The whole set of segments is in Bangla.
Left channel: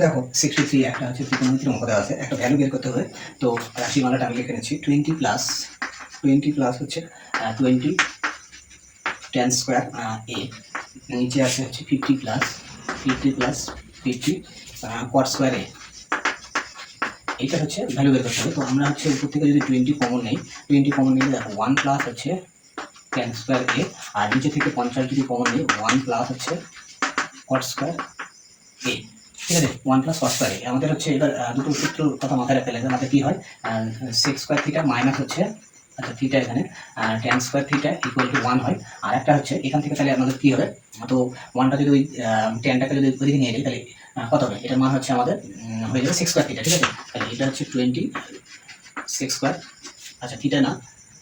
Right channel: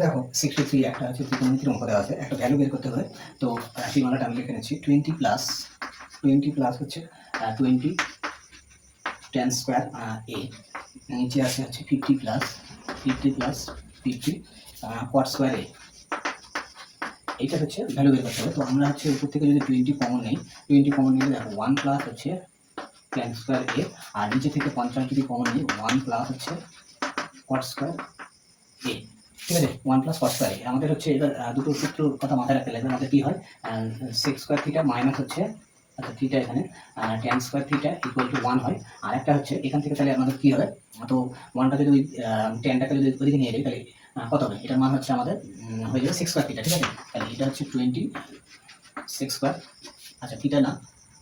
দেখো 63 একটা হচ্ছে ত্রিকোণমিতির অঙ্ক দেওয়া আছে, একটা ভ্যালু বের করতে হবে। তো রাশিমালাটা আমি লিখে নিচ্ছি 20 প্লাস হচ্ছে 20 tan স্কোয়ার এ, নিচে আছে হচ্ছে 50 প্লাস 50 cot স্কোয়ার এ। এইটা হচ্ছে ভ্যালু বের করতে হবে। তো আমরা হচ্ছে উপর থেকে যদি 20 কমন নিই, 20 কমন নিলে দেখো 1 প্লাস হচ্ছে tan স্কোয়ার এ, আর নিচে থেকে 50 যদি কমন নিই 1 প্লাস হচ্ছে cot স্কোয়ার এ। ঠিক আছে, 1 প্লাস cos স্কয়ার এ। আমাদের হচ্ছে এবার দুটো সূত্র কথা মাথায় রাখতে লাগবে। আমাদের কি হয়, sec স্কয়ার থিটা মাইনাস হচ্ছে, আচ্ছা থিটা এখানে tan square theta equal to 1 হয়। আর একটা হচ্ছে এখান থেকে তাহলে আমাদের কি হবে, তো 1টা যদি ওই tanটাকে যদি ওইদিকে নিয়ে যাই তাহলে কত হবে, এটার মান হচ্ছে আমাদের হয়ে যাবে sec স্কয়ার থিটা। ঠিক আছে, তাহলে এটা হচ্ছে 20 sec স্কয়ার, আচ্ছা থিটা না,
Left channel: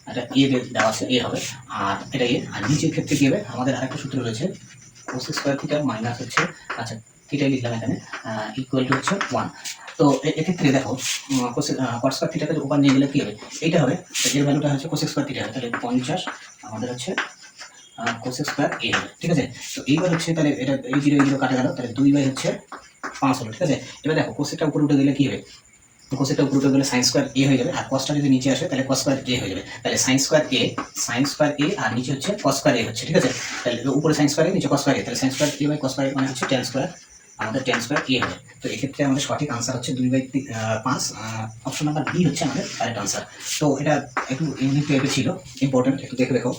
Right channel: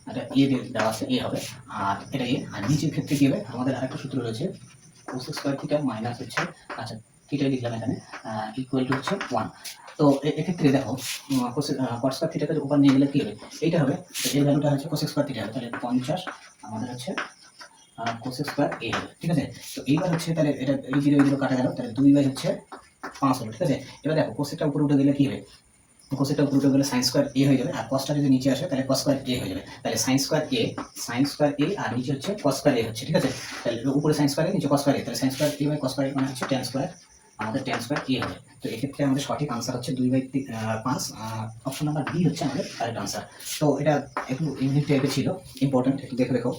এটা এ দেওয়া আছে, এ হবে, আর এটা এ। আর নিচের ক্ষেত্রে কি হবে, আমাদের আরেকটা সূত্র রয়েছে cos স্কয়ার থিটা মাইনাস হচ্ছে, আচ্ছা থিটাই লিখলাম এখানে, ইকুয়াল টু হচ্ছে 1। তো এক্ষেত্রে দেখো cos স্কয়ার থিটাকে উপর নিয়ে গেলে কি হবে, এইটা হবে, এর ভ্যালুটা হচ্ছে cos স্কয়ার থিটা হবে, তাহলে 50 আমাদের হচ্ছে cos স্কয়ার এ হবে। ঠিক আছে, তো এইবার হচ্ছে তাহলে এটা এই জিরো কাটা গেল, তাহলে 2 বাই হচ্ছে 5 হলো। ঠিক আছে, এবার দেখো কোসেকটা উপরে উঠে গেলে কি হবে, কোসেকটা উপরে উঠে গেলে সাইন স্কয়ার এ হয়ে যাবে, আর কসটা যদি নিচে আসে তাহলে cos স্কয়ার এ হয়ে যাবে। তাহলে সাইন স্কয়ার এ আর নিচে হচ্ছে cos স্কয়ার এ হচ্ছে। ঠিক আছে, তাহলে উপরে সাইন স্কয়ার এ নিচে cos স্কয়ার এ, তাহলে sine square A by cos square A মানে হচ্ছে tan স্কয়ার, আমাদের tan স্কয়ার এ হবে। তো এক্ষেত্রে আমাদের সঠিক আনসার হচ্ছে 2/5। অপশন নাম্বার বি হচ্ছে আমাদের কারেক্ট আনসার। তো এটা একটু ইউনিক টাইপের ছিল, ইম্পর্টেন্ট, একটু দেখে দেখো।